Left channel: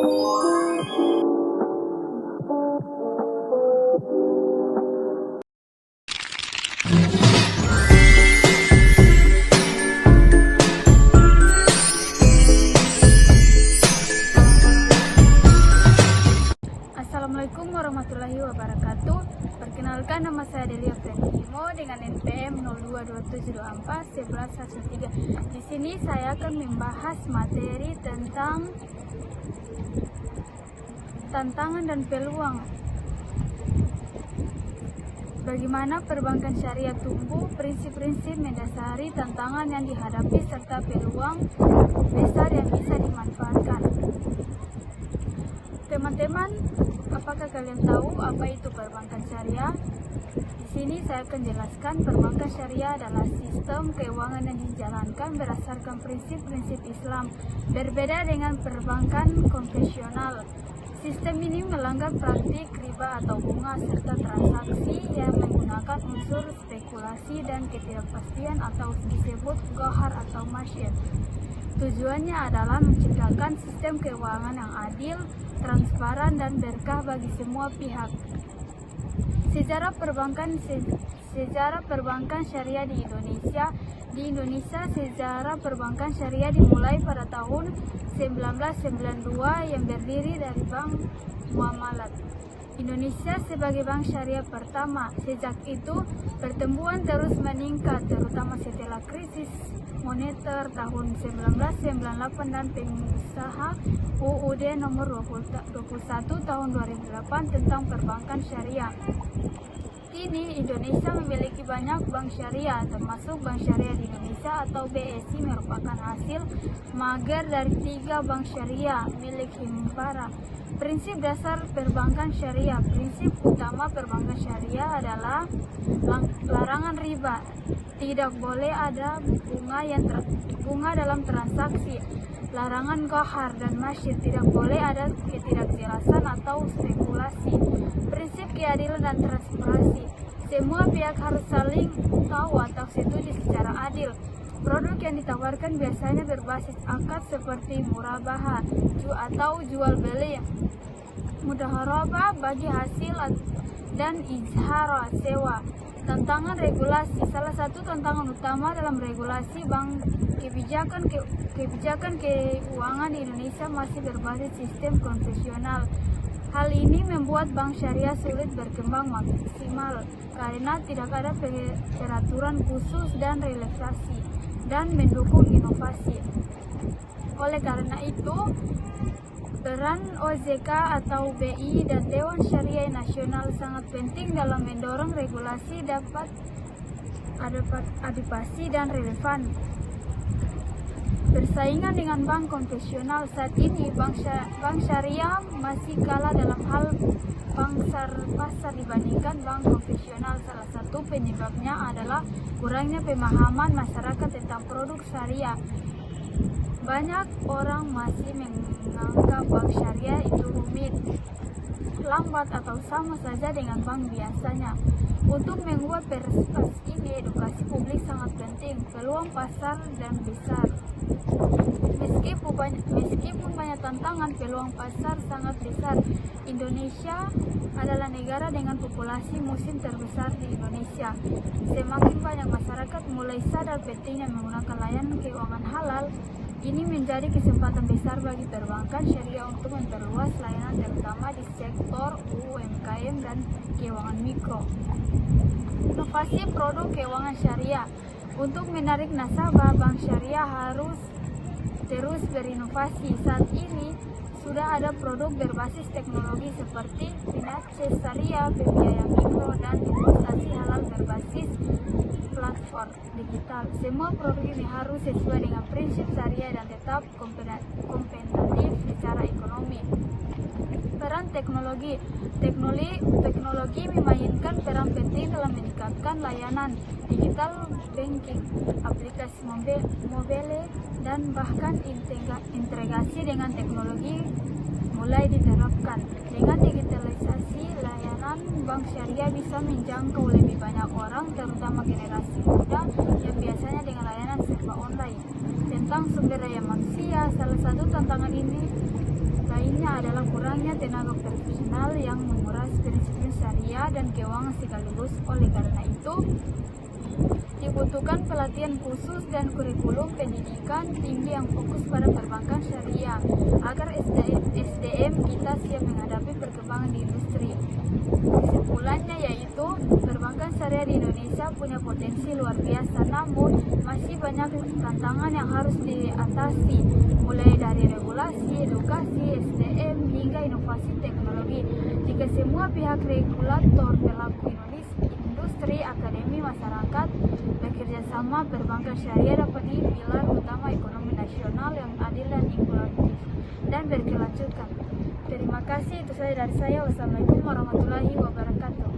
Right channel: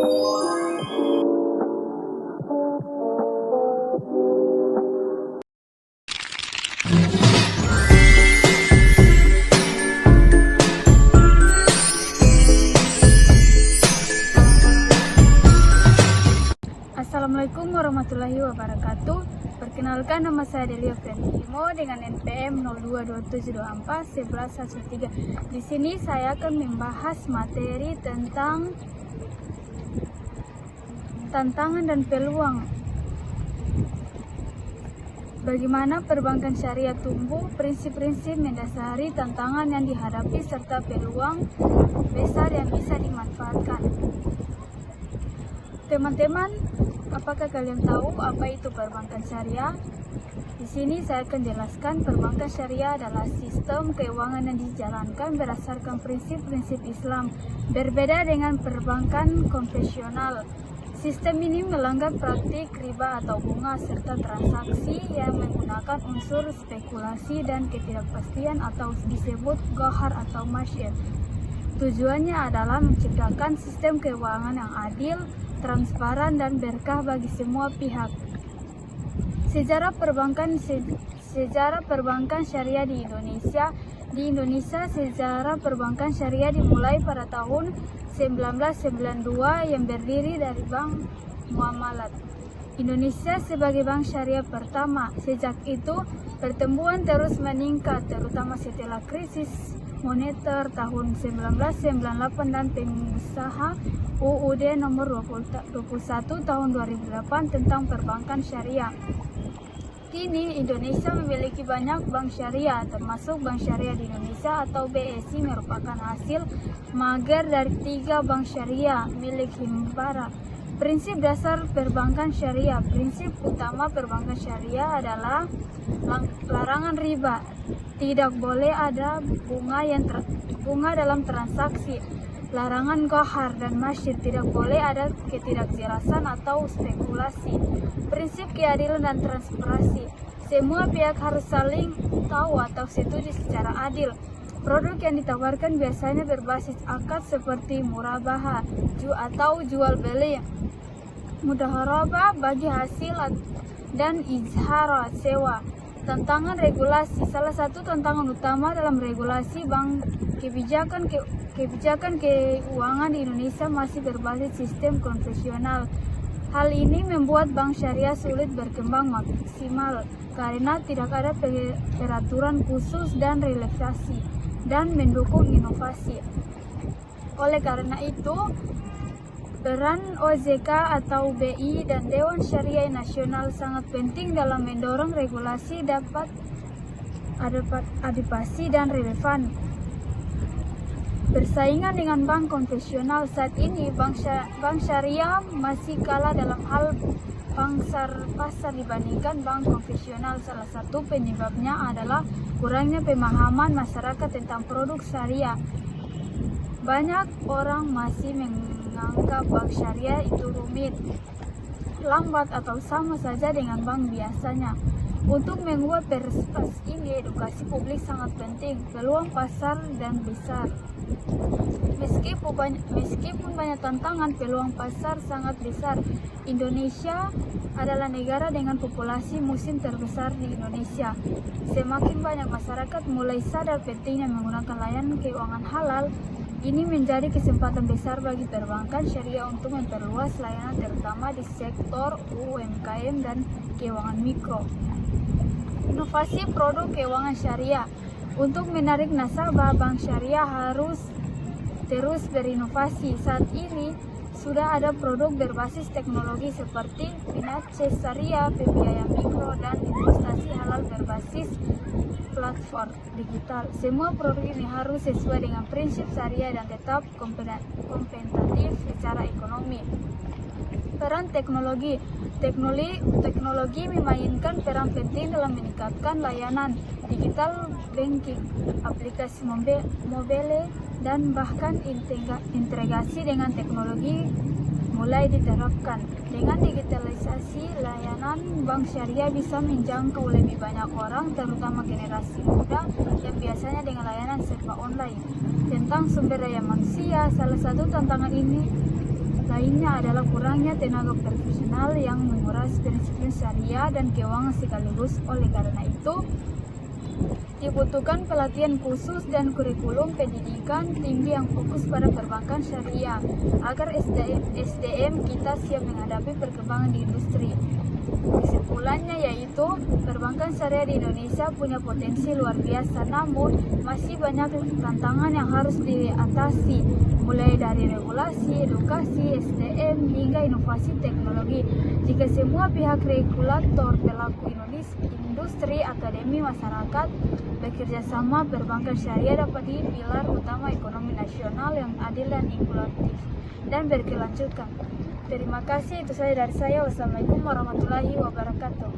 Assalamualaikum warahmatullahi wabarakatuh. Perkenalkan, nama saya Delia Frentimo dengan NPM 0227241113. Di sini saya akan membahas materi tentang tantangan dan peluang. Bagaimana perbankan syariah tumbuh, prinsip-prinsip mendasari tantangan yang dihadapi serta peluang besar yang bisa dimanfaatkan. Teman-teman, apakah kalian tahu apa itu perbankan syariah? Di sini saya akan jelaskan perbankan syariah adalah sistem keuangan yang dijalankan berdasarkan prinsip-prinsip Islam, berbeda dengan perbankan konvensional. Sistem ini melanggar praktik riba atau bunga serta transaksi yang menggunakan unsur spekulasi dan ketidakpastian atau disebut gohar atau masyid. Tujuannya adalah menciptakan sistem keuangan yang adil, transparan, dan berkah bagi semua pihak. Sejarah perbankan syariah di Indonesia. Di Indonesia, sejarah perbankan syariah dimulai pada tahun 1992 yang berdiri dari Bank Muamalat Indonesia sebagai bank syariah pertama. Sejak itu, pertumbuhan terus meningkat, terutama setelah krisis moneter tahun 1998 dan pengusaha UUD nomor 21 tahun 2008 tentang perbankan syariah. Kini Indonesia memiliki banyak bank syariah, termasuk Bank Syariah di Indonesia atau BSI merupakan hasil mager dari 3 bank syariah milik Himbara. Prinsip dasar perbankan syariah. Prinsip utama perbankan syariah adalah larangan riba. Tidak boleh ada bunga dalam transaksi. Larangan gohar dan masyid. Tidak boleh ada ketidakjelasan atau spekulasi. Prinsip keadilan dan transparansi. Semua pihak harus saling tahu atau setuju secara adil. Produk yang ditawarkan biasanya berbasis akad seperti murabaha atau jual beli, mudharabah bagi hasil, dan izhar sewa. Tantangan regulasi. Salah satu tantangan utama dalam regulasi bank kebijakan keuangan di Indonesia masih berbasis sistem konvensional. Hal ini membuat bank syariah sulit berkembang maksimal karena tidak ada peraturan khusus dan relaksasi dan mendukung inovasi. Oleh karena itu, peran OJK atau BI dan Dewan Syariah Nasional sangat penting dalam mendorong regulasi dapat adaptasi dan relevan. Bersaingan dengan bank konvensional saat ini, bank syariah masih kalah dalam hal pasar dibandingkan bank konvensional. Salah satu penyebabnya adalah kurangnya pemahaman masyarakat tentang produk syariah. Banyak orang masih menganggap bank syariah itu rumit, lambat, atau sama saja dengan bank biasanya. Untuk mengubah persepsi ini, edukasi publik sangat penting. Peluang pasar dan besar. Meskipun banyak tantangan, peluang pasar sangat besar. Indonesia adalah negara dengan populasi muslim terbesar di Indonesia. Semakin banyak masyarakat mulai sadar pentingnya menggunakan layanan keuangan halal. Ini menjadi kesempatan besar bagi perbankan syariah untuk memperluas layanan terutama di sektor UMKM dan keuangan mikro. Inovasi produk keuangan syariah. Untuk menarik nasabah, bank syariah harus terus berinovasi. Saat ini sudah ada produk berbasis teknologi seperti Finace Syariah, pembiayaan mikro, dan investasi halal berbasis platform digital. Semua produk ini harus sesuai dengan prinsip syariah dan tetap kompetitif secara ekonomi. Peran teknologi. Teknologi memainkan peran penting dalam meningkatkan layanan digital banking, aplikasi mobile, dan bahkan integrasi dengan teknologi mulai diterapkan. Dengan digitalisasi layanan, bank syariah bisa menjangkau lebih banyak orang, terutama generasi muda yang biasanya dengan layanan serba online. Tentang sumber daya manusia, salah satu tantangan ini lainnya adalah kurangnya tenaga profesional yang menguras prinsip syariah dan keuangan sekaligus. Oleh karena itu, dibutuhkan pelatihan khusus dan kurikulum pendidikan tinggi yang fokus pada perbankan syariah agar SDM kita siap menghadapi perkembangan di industri. Kesimpulannya yaitu perbankan syariah di Indonesia punya potensi luar biasa, namun masih banyak tantangan yang harus diatasi, mulai dari regulasi, edukasi, SDM hingga inovasi teknologi. Jika semua pihak regulator, pelaku industri, akademi, masyarakat bekerja sama, perbankan syariah dapat di pilar utama ekonomi nasional yang adil dan inklusif dan berkelanjutan. Terima kasih, itu saja dari saya. Wassalamualaikum warahmatullahi wabarakatuh.